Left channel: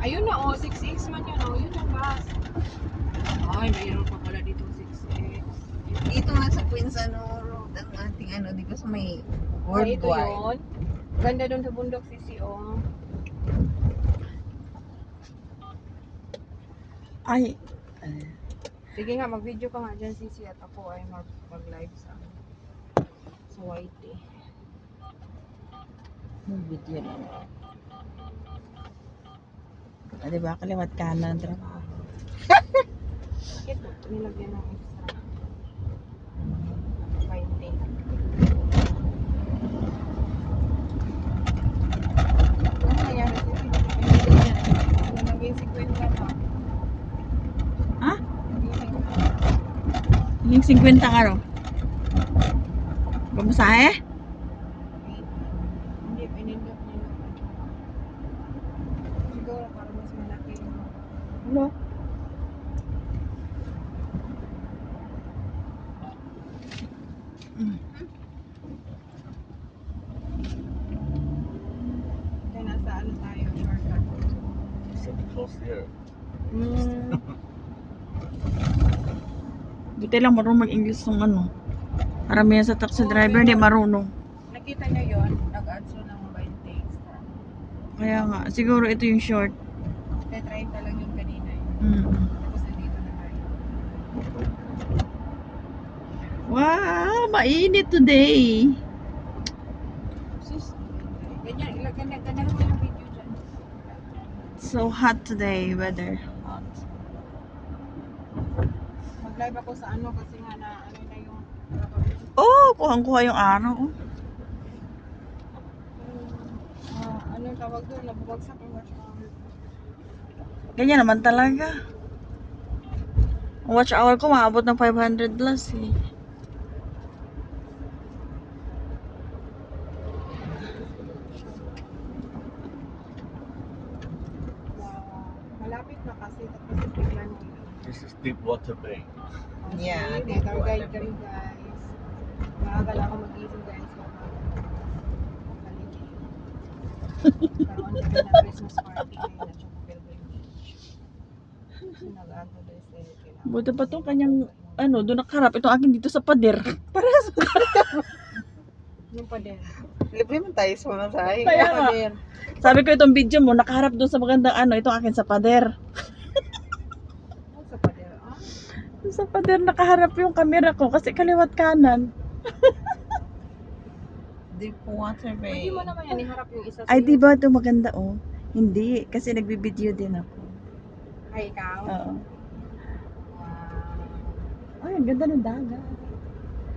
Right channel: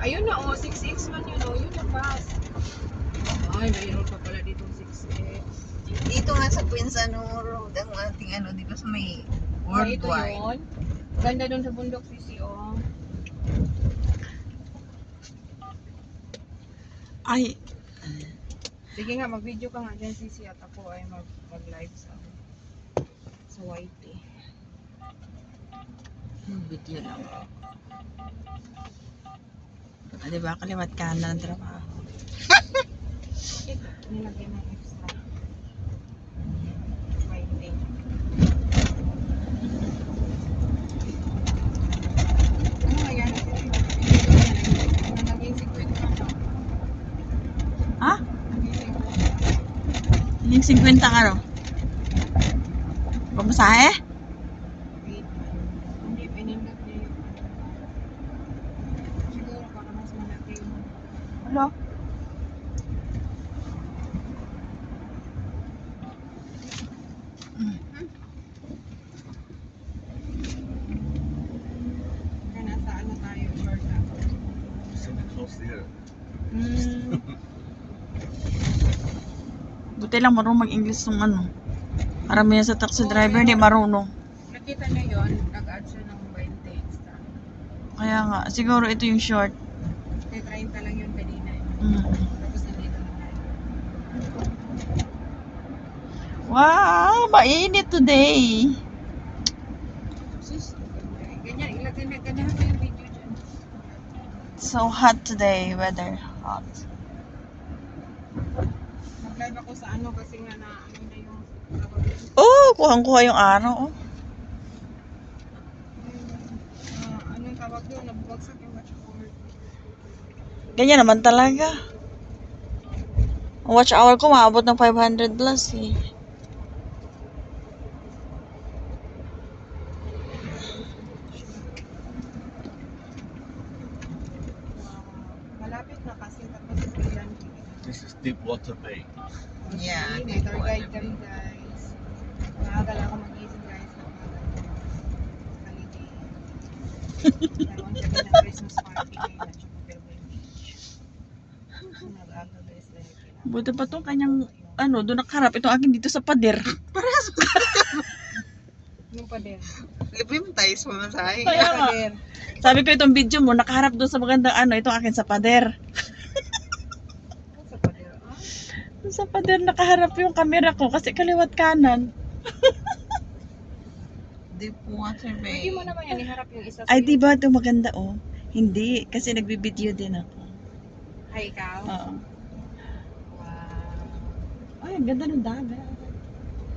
Ayun na, oh, 6X man yun, oh, yun ang bus. Ay, mayroon pa pala dito 6X. Dito nga sa Quinzano Road, ang ating ano, di ba sa may Oh, ito worldwide. yun. Ganda dun sa bundok, Sisi, oh. Ay, Sige nga, mag-video ka nga dyan, Sisi, at ako ay mag-live sa YT. video lang. Di ba, kaliwat kanan, trabaho. Ito, nilagyan ng extra. YT. Ano nangyari, Sisi? Naging 50 na. Ha? Naging Yung 50 ka ro? Pamasahe? Hindi, pinindot niya yun. Siguro para mas malaki yung... Ano? Kaya nasa ano tayo, shortcut. Something close here. Buti lang marunong mag-English ng ano. Karamihan sa taxi Oo, driver pero- hindi marunong. Nakita niyo yun, nag-add siya ng 20 extra. Kaya nga, siguro ito yung short. Kaya 30 lang yun kanina. Eh. Mm. Tapos nandito na tayo. Wow, mainit today. Sus, ganyan, ganahan mo yung video dyan. So hot today, weather hot. Mag-live ako sa ano kasi nga na ano na yung... Oh, kuhang-kuha yung araw. Oh. ano yung tawag doon, nabubagsak yung watch hour. Ganyan naman talaga. Ang watch hour ko maabot ng 500 plus eh. Malapit na kasi tapos bigla niya. This is Deepwater Bay. Yeah, May tour guide kami guys. Maaga lang ako mag-isip guys. Holiday. Karoon kami ng Christmas party ngayon at saka Pilgrim Beach. Nag-aga guys dahil kailangan. Buti pa tong kanyang ano, doon nakaharap. Ito akin dito sa pader. Yung pader. Libre mo tayo sa masahe. Kaya pader. Sabi ko itong video mo, nakaharap doon sa magandang ano, ito akin sa pader. Ano sa pader? Ah? Doon sa pader nakaharap yung camera ko kasi kaliwat kanan. Deepwater Bay. Pwede mo naman yan iharap yung isa Ay, sa'yo. di ba ito maganda oh? Hindi, kasi nagbibideo din ako. Ay, ikaw? Oo. Wow. Ay, ang ganda ng dagat.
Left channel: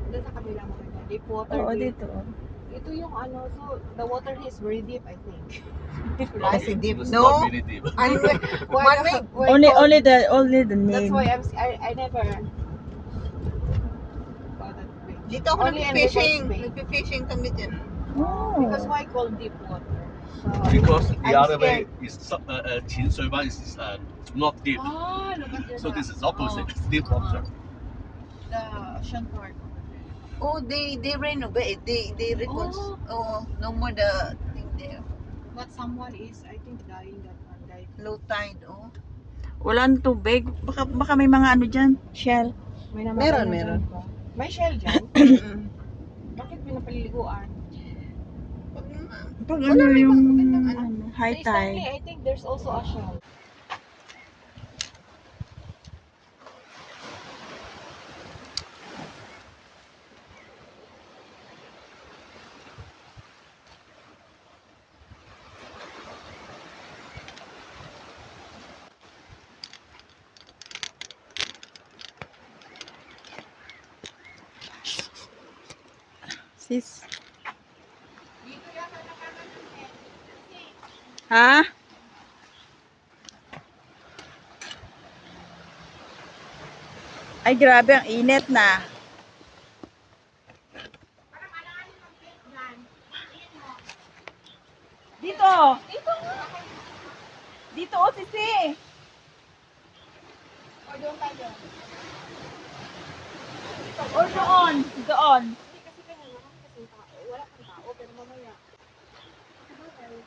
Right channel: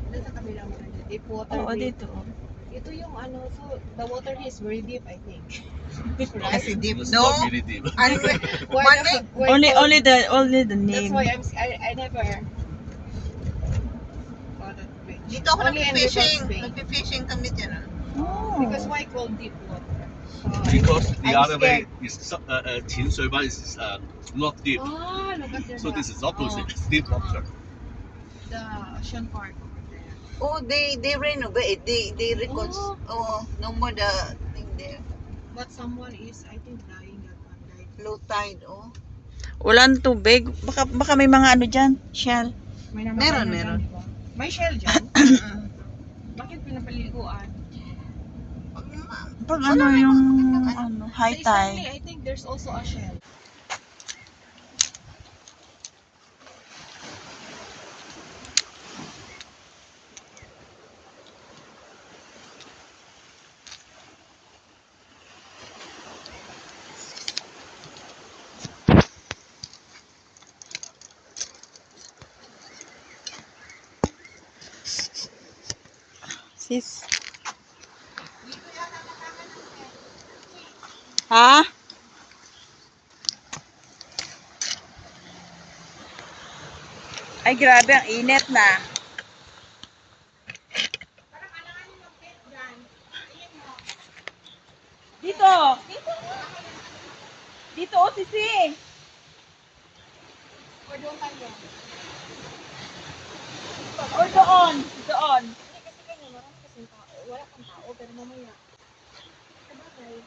Doon sa kabila mo ganda. Deep water. Oo, Bay. dito. Oh. Ito yung ano, so the water here is very deep, I think. Kasi deep. It's No. not really deep. Ano? Why Only the That's name. why I never thought that bridge. Dito ako Only in nagpi-fishing. Rivers Bay. Nagpi-fishing kami dyan. Oh. Because why called deep water? So, Because the I'm other way scared. is Qinshui is not deep. Ah, look at So this is opposite. Oh, It's deep water. the ocean part over there. Oh, they renovate. They reconstruct. Oh, no more the thing there. But someone is, I think, dying that one died. Low tide. Oh. Walang tubig. Baka may mga ano dyan, shell. May namatay Meron, na meron. dyan, di ba? May shell dyan? Bakit pinapaliguan? Pag naman. Pag Wala ano na, yung magandang ano. ano, high Sa Istanbul, tide. I think there's also a shell. Sis. Ha? Ay, grabe, ang init na. Dito. Dito, oh, sisi. Or doon tayo. Or doon. Doon. Hindi kasi kanya marami kasi tao. Wala kang tao, pero mamaya. Sabagay.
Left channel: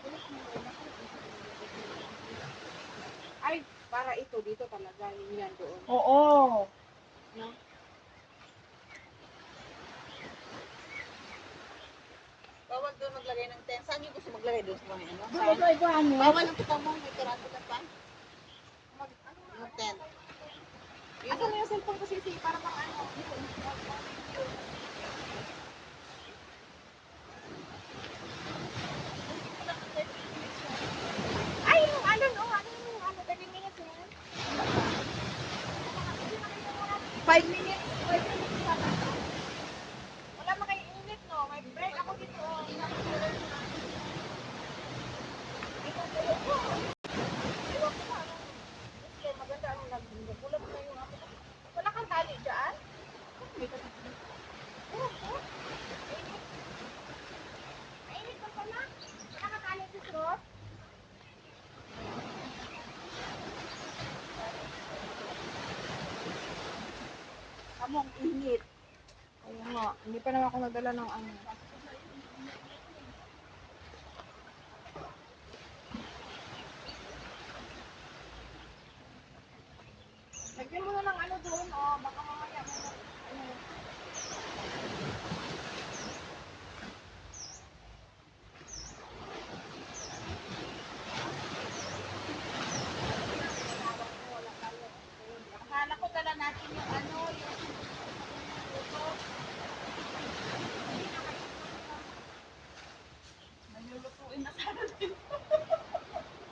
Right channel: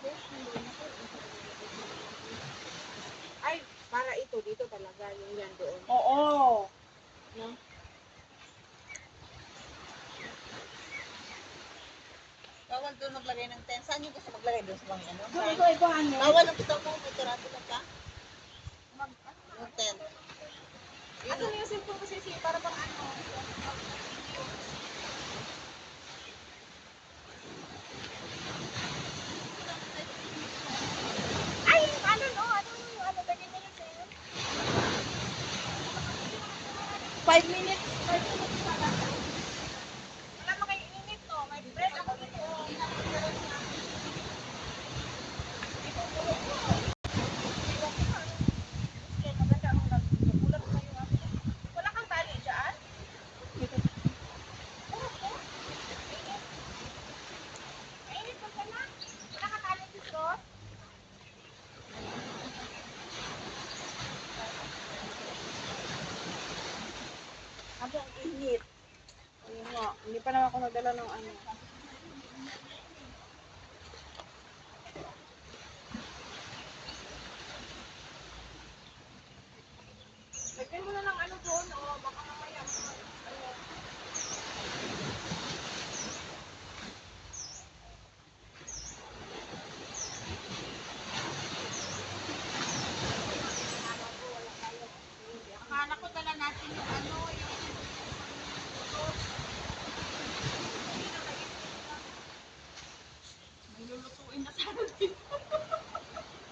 First, hindi na ako. Para ito, dito talaga, yung yan doon. Oo. No? Bawal doon maglagay ng tent. Saan yung gusto maglagay doon sa mga ano? Doon ito ibahan mo. Bawal ang kita mo. Dito lang ka. Yung tent. Asan na yung cellphone ko, Sisi? Para pang ano? Ay, yung ano, no? Ano, 30 minutes eh. 5 minutes. Wala makainit, no? May bread ako dito. Oh. Ito, tulog ko. Iwan ko na, ano? Kasi maganda ang nagpulat na yung ako. Wala kang tali dyan? Wala ko. Mainit. Mainit pa pala. Wala kang tali dito, Rod? Amo, ang init. Ayun nga, hindi pa naman ako nadala ng ano. Lagyan mo na ng ano doon, oh, baka mamaya mo. Ayun. Akala ko dala natin yung ano, yung may lulutuin na sana dito.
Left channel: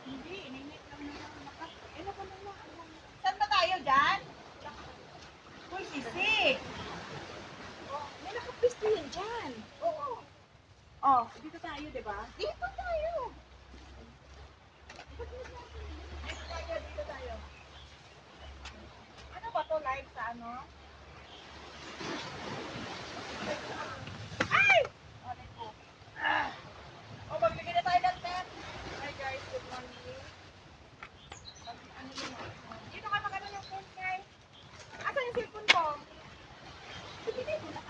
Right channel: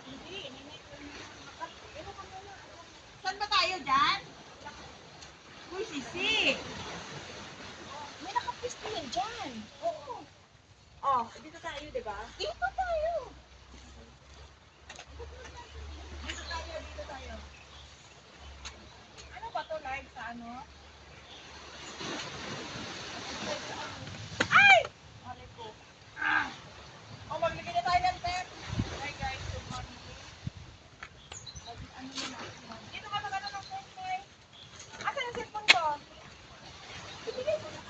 Hindi, ininit lang naman. Ano ka na lang? Saan ba tayo dyan? Uy, Sisi. Oh, may nakapisto yan dyan. Oo. Oh, dito tayo, di ba? Dito tayo. Dito tayo. Ano ba to live sa ano? Ay! Aray ko. Ah! Oh, magbigay na tayo ng tent. Hi guys, good morning. Ano yun? Dito ka magano ng tent, guys. Asan yung cellphone ko? Ibigay mo na.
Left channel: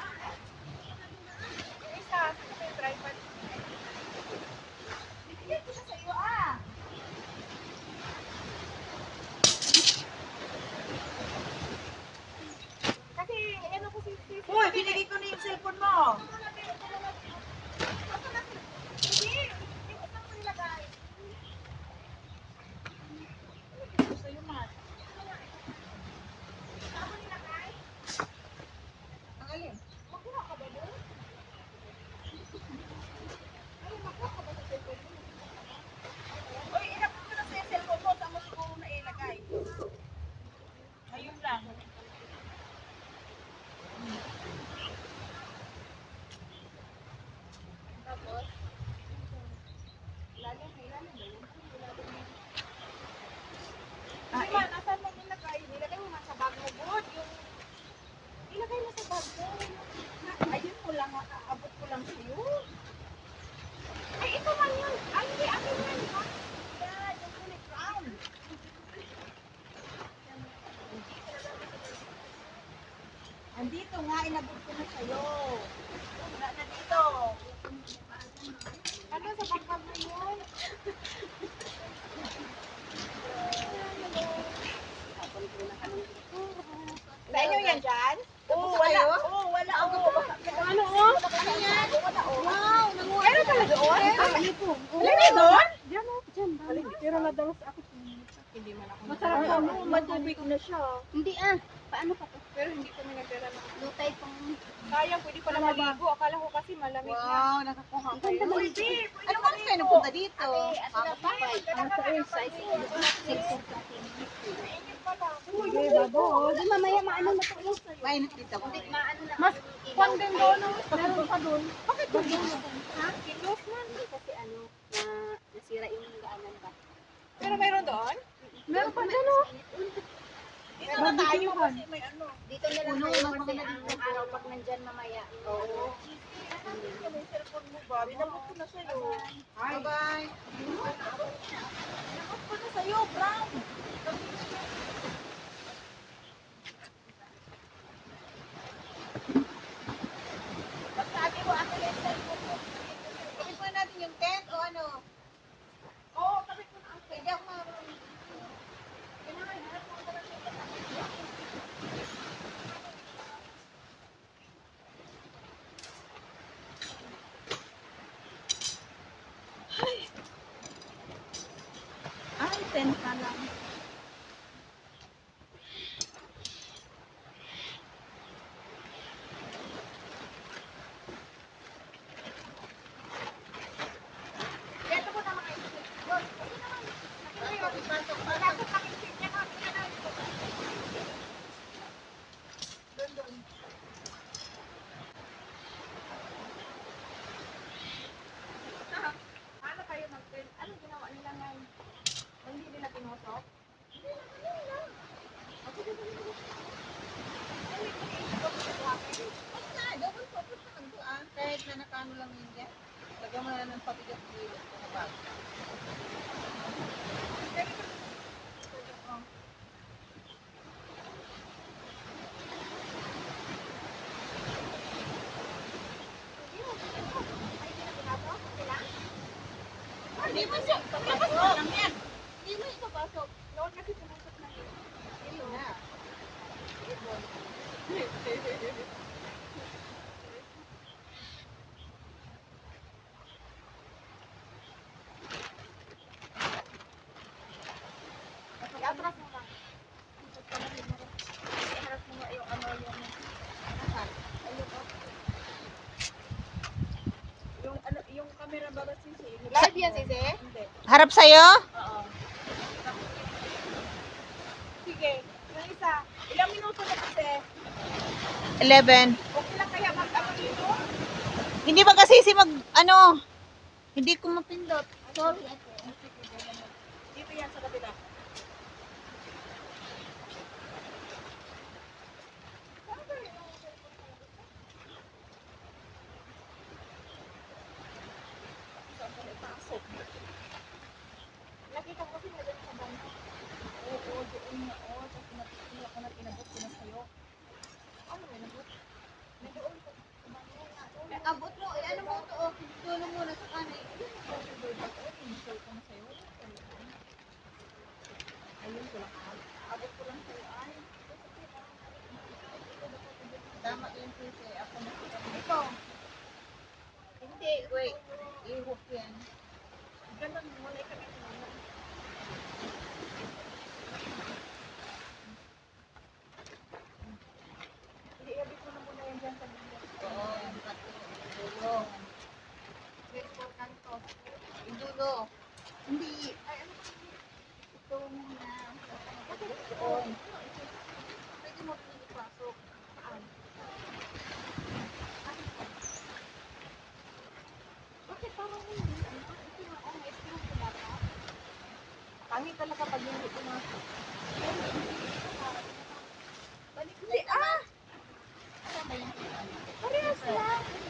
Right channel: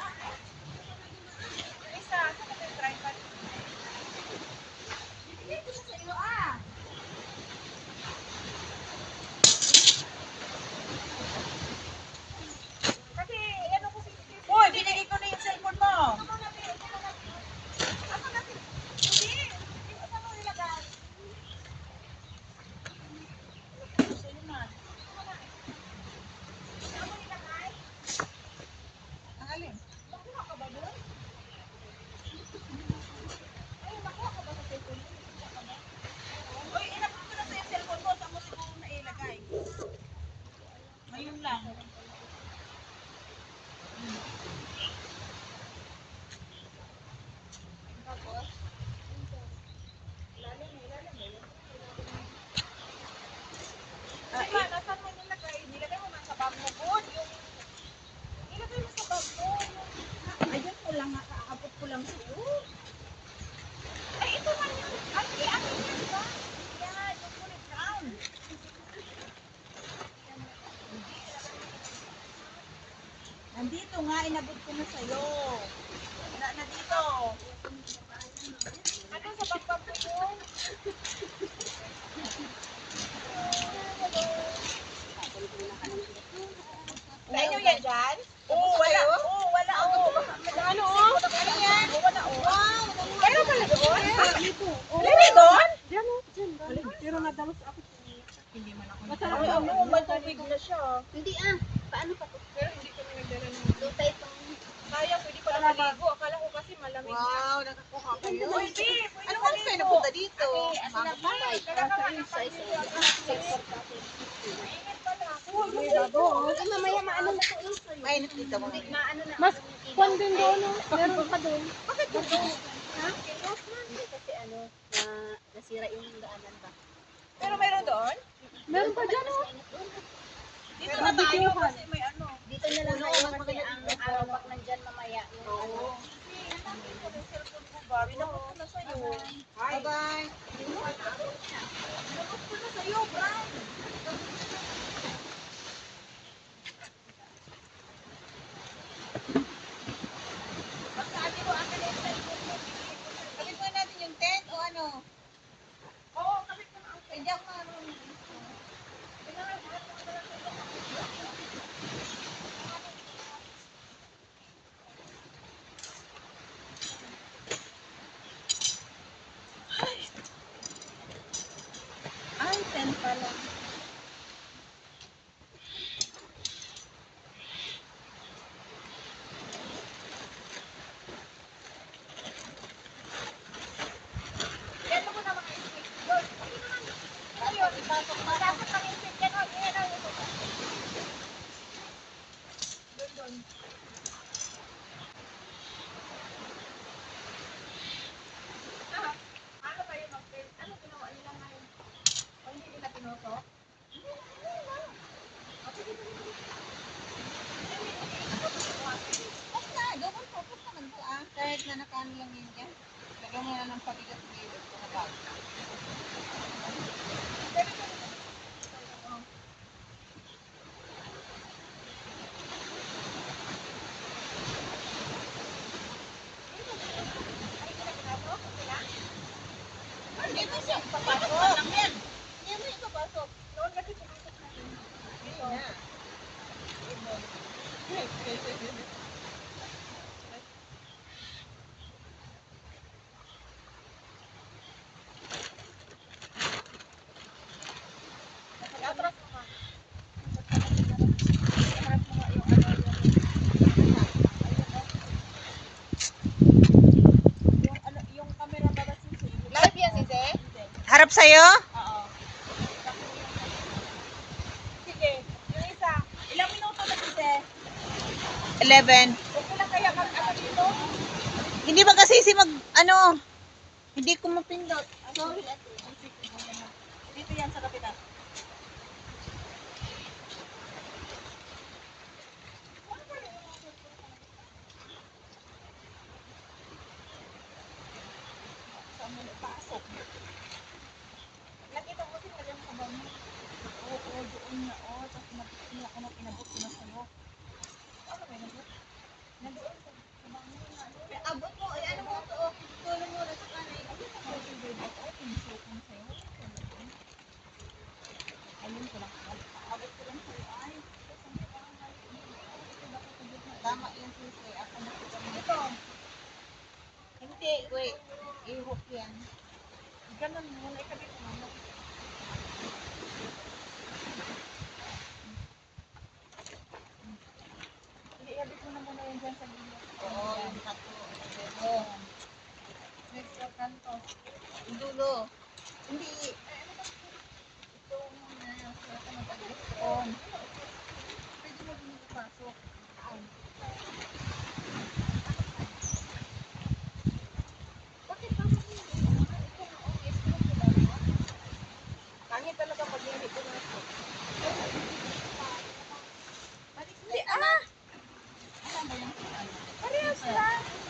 Yung isa, saan ba yung tripod? Ibigay ko na sa iyo, ah. Kasi, ano ko si... Uy, binigay ko na yung cellphone mo. Ang alin? Uy, inabot ko na sa yung cellphone mo. Saan mo siguro na ilagay? Ngayon lang. Nasaan mo nilagay? Nilagay mo man sa bag mo, good. Ilagay mo sa bag mo. Ayun mo lang, abot ko lang sa'yo. Ay, ito man yun. Ay, hindi, ano yan, di ba? Yan, yung kulay brown. Andito nga, inabot ko na sa'yo. Wala na dito. Ano sa bagbag mo yun? Sa inyo yan dyan? Oo, wala. Oo, wala. Oo. Ano, oh? Ano yan? Wala, oo. Wow! Meron pala doon? Lagi doon? Diyan, dyan ba? Pero nadalos ako. Hindi man ako. Masarap Ay, ano, may tubig na siya. Hindi paano pa to? Pero hindi ko nagdala ng... Lutay pang Sayang, pwede pala maligo. Akala ko kasi malamig na. Wow, nakakuha kayo. Uy, Bi, Ano oras kayo napunta dito? Dala ka nga ng panilo. Mainit pala. Uy, Di mamaya maano na to lang sa'yo. Mainit dito mo. Maano na Mas Kwan din doon. Meron pa doon. Bakit doon? Ha? Hindi kasi ano, nasira yung daanan ba? Pero mayroon doon? Meron pa dyan oh. Dito na tayo kasi may ano. Dito na lang Puno, kayo mas kasi maganda ang dito. araw pag nandyan mamaya. Oo. May cellphone mo ba? Binabot ko na sa'yo. Bye-bye. Binabot ko na sa'yo, Brown. Pagsabi mo, akin yung cellphone mo. Kapit mo natin yung tent o ano? Oo, kapit mo na. Hindi ako nga naman. Kailangan lang. Dito ko na mga isip. Doon. Hindi naman. Ano yun? Ipasok pa. Tapos ang isip. Yan o. Yan o. Doon, doon. Ah, ano kayo mag-print? Ano ginawa nila ngayon? O hindi nila pinusok? Hindi na, hindi na. O, sige, sige, sige. Huwag na, double focus naman to ah. Kahit na nakaano lang yun yan. Lagyan mo na ng pabigat dito. Kapag. Hindi mo siya papasok. Lang yan. Hindi mo ipapasok. Noon kasi pumasok na yun. Dito. I-atras mo nga. I-atras mo nga yung ano yung ayun o. Yung ano yung camera baba sisi. Live yan, Sisi? Hindi. Harap sa'yo? Oo. Sige, yung isa. Ilang minuto na kasi? 11. Okay lang kaya mag-ano dito? Hindi ba kasi si ano, hindi ko mapindot. Sorry, ate. Dito yan sa kapila. Saan mo ipasok? Nakita ko kasi nagyan sa banyo. Oo, doon na. Oo, tapos pinapili ako na pinabot ko na sa'yo. Ano ba, nabot? Nandoon sa banyo na. Abot mo, ano mo to, tulong mo na sa kanin. Ayun ko lang. Abot ko lang sa'yo. Ay, Tama yun sisi, ako na kita mo. ito. Hindi, wait. I-hook yan. Ganun mo na ikabit mo. Hindi, ikabit mo na muna yan dyan sa gilid. Oo, yung kato. Dulo. Next for kanto. Yung dulo. Hindi. Ay, ano ba? Ito muna. Ito na pagdito. Doon. Medyo mabilis ipasok. Bakit tama mo hindi? Ito na, oh, may screw ko lang, ha? Pangit talaga pag hindi pumasok. Balik, hindi, ah! Ano ba yung Parehas lang.